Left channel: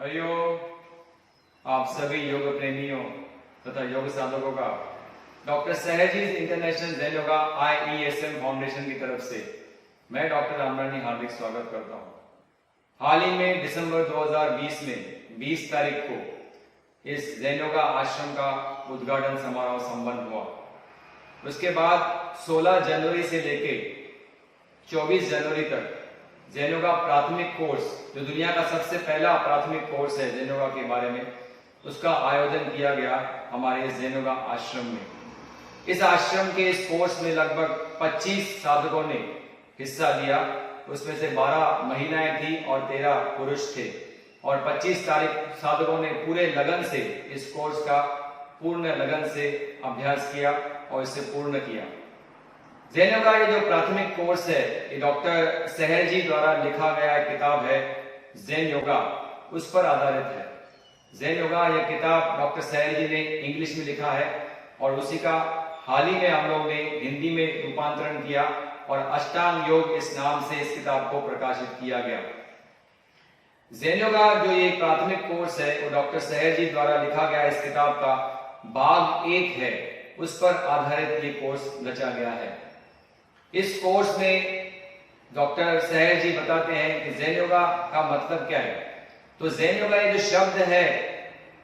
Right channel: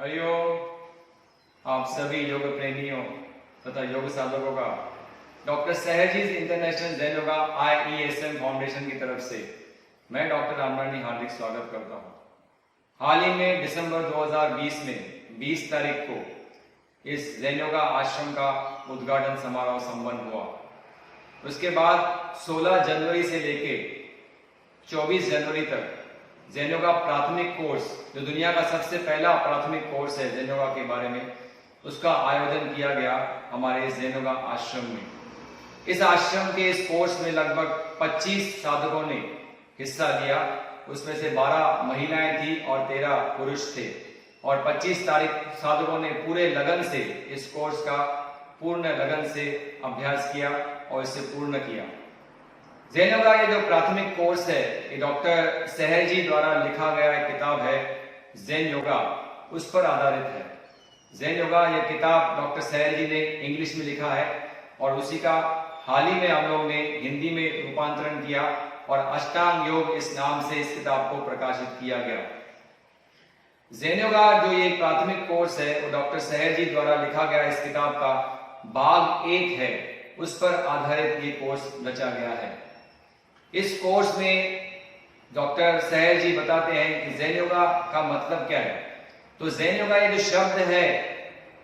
हरिओम। आप सभी योग प्रेमियों तथा योग साधकों का डॉक्टर सहजीज international Jain yoga IESM foundation की तरफ से मैं डॉक्टर रामरानी हार्दिक स्वागत करता हूं। हाल ही में दिसंबर 2020 में 20 तारीख को इस जैन योगा आश्रम का उद्घाटन समारोह संपन्न हुआ। उसके बाद 16 जनवरी से लेके 24 जनवरी तक जैन योगा प्राथमिक कोर्स, जो दुनिया का सबसे पहला प्राथमिक कोर्स है जैन योगा के बारे में, उसका आयोजन किया गया हमारे इस जैन योगा आश्रम में। इस आश्रम के इस कोर्स में लगभग 25 साधकों ने हिस्सा लिया। उसमें से 12 महिलाएं थी और 13 पुरुष थे और 25 साधकों ने पूरे लगन से इस कोर्स का पूर्ण लगन से अभ्यास किया और इसे पूर्ण किया। जैन योगा ये जो प्राथमिक कोर्स है, ये डॉक्टर सहर जी द्वारा लिखा गया एक किताब है जैन योगा, उस पर आधारित है। जैन योगा यह किताब डॉक्टर सहर जी ने इंग्लिश में लिखा है और उसी का हाल ही में हम लोग ने हिंदी में रूपांतरण किया और अष्टांग योग इस नाम से इस किताब को प्रकाशित किया गया। जैन योगा जो ये प्राथमिक कोर्स है वो डॉक्टर सहर जी द्वारा लिखा गया इस किताब का भाग 1 है, उस पर आधारित ये कोर्स रचा गया है। इस कोर्स में डॉक्टर सहर जी बताते हैं कि जैन योगा का मतलब क्या है। तो जैन योगा ये जो शब्द है,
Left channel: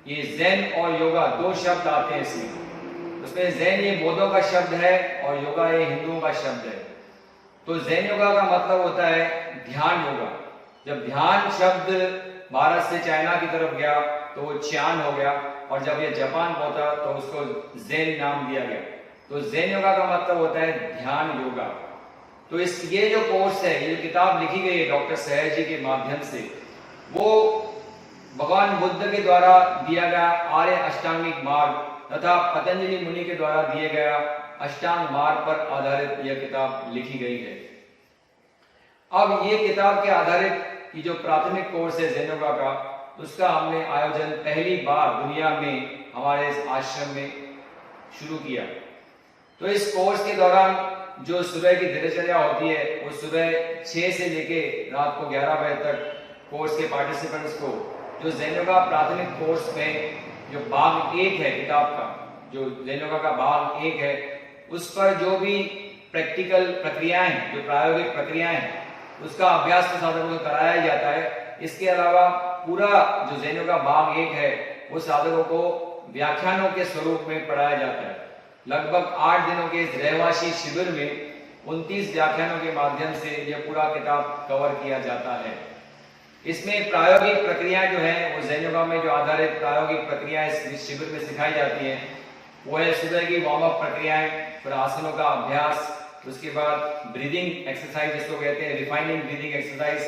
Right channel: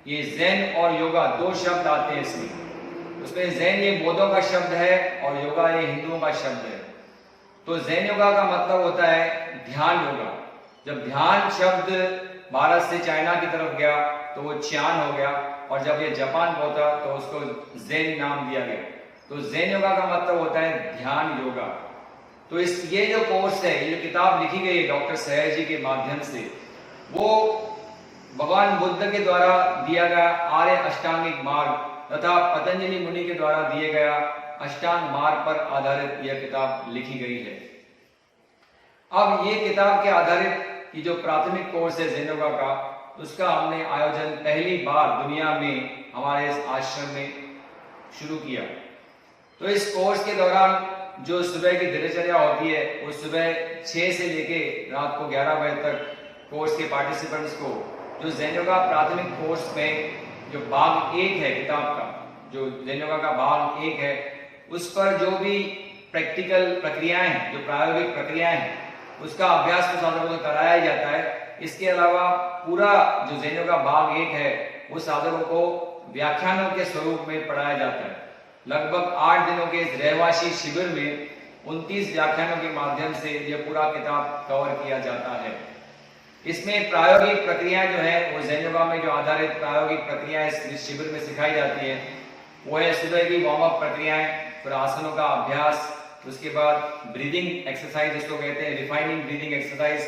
ये जैन और योगा 2 शब्द आते हैं इसमें। उसमें जैन ये बौद्धों का शब्द है और योगा ये हिंदुओं का शब्द है। तो जैन योगा का मतलब होता है ध्यान योगा। जब ध्यान शब्द भारत से चाइना की तरफ गया तो वो च्यान हो गया और जब ये जापान पहुंचा तो उसको जैन नाम दिया गया। तो जैन योगा का मतलब होता है ध्यान योगा। तो ये जो कोर्स है, ये जो किताब लिखी गई है डॉक्टर सहर जी के माध्यम से, वो भगवान बुद्ध के द्वारा दिया गया आर्य अष्टांगिक मार्ग तथा पतंजलि मुनि के द्वारा दिए गया अष्टांग मार्ग पर आधारित यह किताब लिखी गई है। अब ये किताब के आधारित ये जो प्राथमिक कोर्स है जैन योगा का, उसका हमने आयोजन पहली बार दुनिया में हमारे इस आश्रम में शुरू किया। तो इस कोर्स के दौरान जो सुबह की दिनचर्या होती है, वो सुबह 6 से लेके रात को 11 बजे तक कोर्स के पार्टिसिपेंट्स को जो जैन योगा प्राथमिक कोर्स में जो भाग 1 है किताब का, जो जैन योगा का भाग 1 है, उस पर जो भी प्रैक्टिकल प्रक्रियाएं हैं, जो प्रायोगिक प्रक्रियाएं हैं, उसका अभ्यास तो साधकों को कराया जाता है। इसके अलावा पूरा जो जैन योगा भाग 1 है, वो साधकों को व्याख्यानों के स्वरूप में पढ़ाया जाता है। लगभग 8 दिनों के इस रहवासी शिविर में 29 व्याख्यानों के माध्यम से यह पूरा किताब कवर किया जाता है। इसमें प्रायोगिक प्रक्रियाएं जो है, वो जैन योगा में जो आधारित प्रायोगिक प्रक्रियाएं इस शिविर में सिखाई जाती है, वो है सुबह की वार्म अप प्रक्रियाएं, फिर आसनों का अभ्यास, उसके बाद ब्रीदिंग एक्सरसाइज जिसको कहते हैं refining breathing exercise,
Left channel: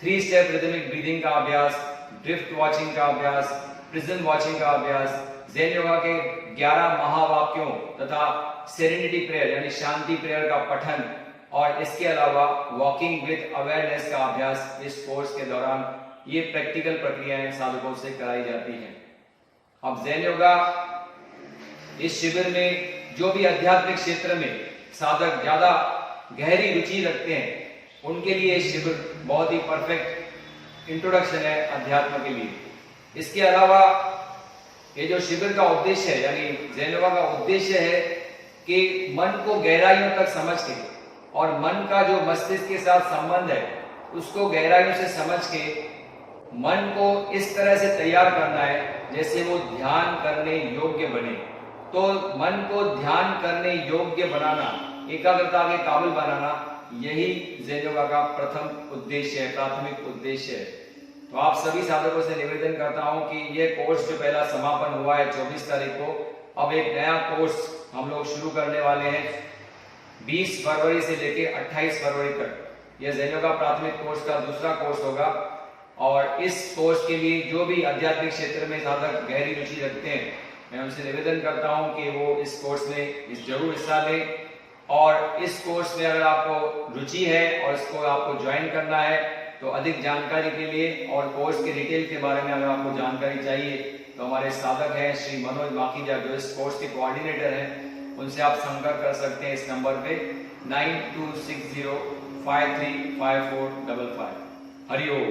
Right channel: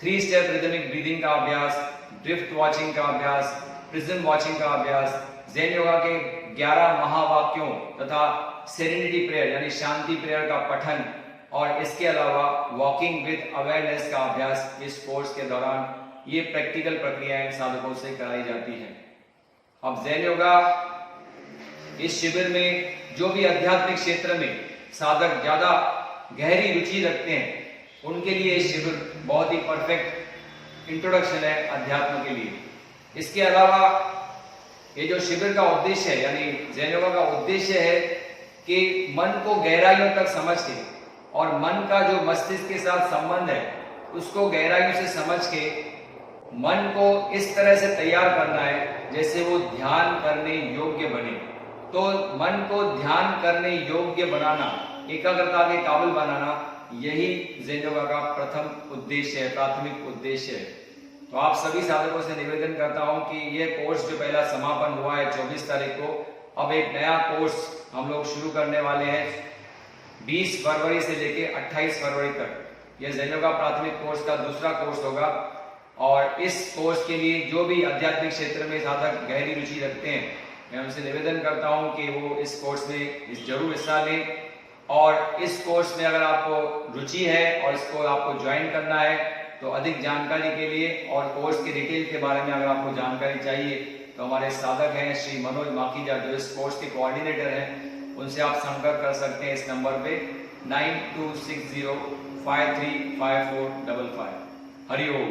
3 step rhythmic breathing का अभ्यास, ड्रिफ्ट वॉचिंग का अभ्यास, प्रिज्म वॉचिंग का अभ्यास, जैन योगा के 11 महावाक्यों तथा सेरेनिटी प्रेयर यानी शांति प्रेयर का पठन और इसके अलावा वॉकिंग विद अवेयरनेस का अभ्यास इस कोर्स के दौरान ये प्रैक्टिकल प्रक्रियाएं साधकों से कराई जाती हैं। अब जैन योगा इस शिविर में जो भी आध्यात्मिक क्षेत्र में साधक ज्यादा गहरी रुचि रखते हैं, उनके लिए ये शिविर बहुत ही परफेक्ट इंट्रोडक्शन है अध्यात्म के लिए। इसके अलावा ये जो शिविर का उद्देश्य है, यानी जैन योगा का उद्देश्य है कि मन को गहराइयों तक समझ के और मन का जो मस्तिष्क के साथ संबंध है उसको गहराइयों से समझ के मन को इस तरह से तैयार करना है जैसे वो ध्यान करने योग्य बने। तो मन को ध्यान करने योग्य बनाना, एकाग्रता के काबिल बनाना, यही जैन योगा का प्रथम उद्देश्य है, प्राथमिक उद्देश्य है। तो आप सभी साधकों से निवेदन करता हूं कि यह कोर्स जो पहला समापन हुआ है 24 तारीख को, अब एक नया कोर्स हम लोग शुरू करने वाले हैं 20 फरवरी से लेके 28 फरवरी तक। यह जैन योगा प्राथमिक कोर्स का दूसरा कोर्स होगा और इस कोर्स के लिए जो भी आध्यात्मिक क्षेत्र में साधक गहरी रुचि रखते हैं, मैं उनसे निवेदन करता हूं कि वो इस कोर्स में जरूर हिस्सा लें। और इस कोर्स में अगर आपको रुचि है और इसको आपको ज्वाइन करना है, तो अधिक जानकारी के लिए और कोर्स की डिटेल के बारे में अगर आपको जानकारी चाहिए तो हमारे साधक हैं श्री मनोज माखीजा, जो इस कोर्स के कोऑर्डिनेटर हैं, उनसे आप संपर्क कर सकते हैं इस नंबर पे 9260535455। हरिओम।